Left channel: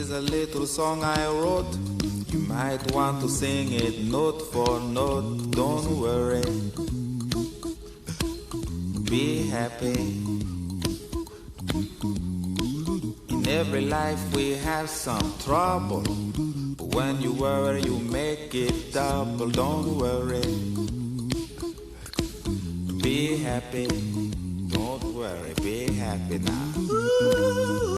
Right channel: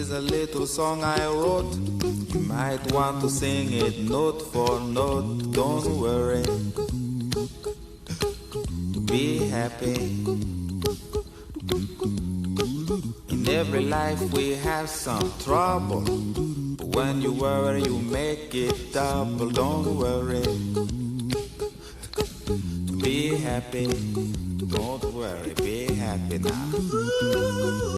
is a little song I wrote. You might want to sing it note for note. Don't worry, be happy. In every life we have some trouble, but when you worry you make it double. Don't worry, be happy. Don't worry, be happy now.